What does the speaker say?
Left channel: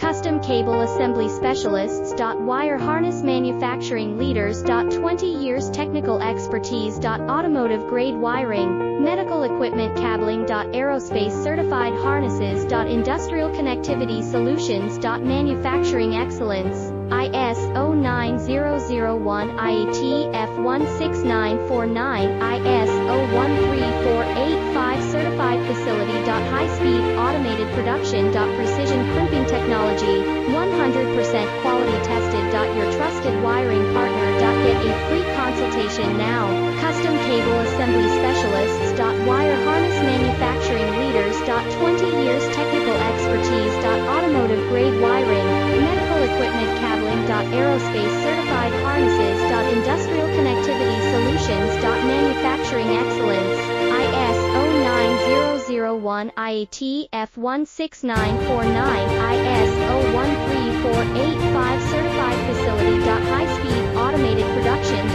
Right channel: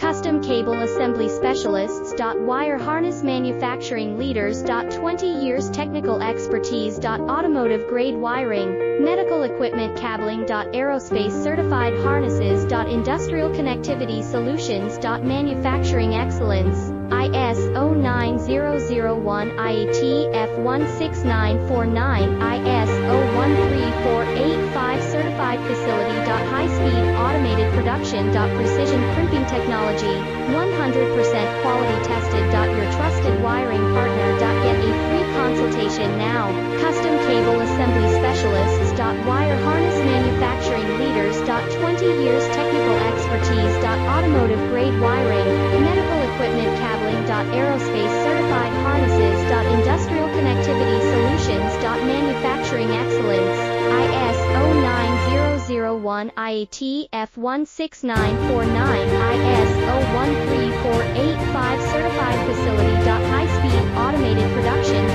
Custom Cable Assembly Specialists. Wire Harness Manufacturing Leaders. 20 years technical expertise. Automotive grade wiring, medical equipment cabling. Aerospace certified harnesses. Industrial connectivity solutions. Manufacturing excellence. ISO 9001 IATF 16949 ISO 13485 certified facility. High-speed automated production. Precision crimping technology, 100% quality tested. Your trusted wiring partner. Get a free consultation now. Custom Cable Assembly Specialists. Wire Harness Manufacturing Leaders. 20 years technical expertise. Automotive grade wiring, medical equipment cabling. Aerospace certified harnesses. Industrial connectivity solutions. Manufacturing excellence. ISO 9001 IATF 16949 ISO 13485 certified facility. High-speed automated production.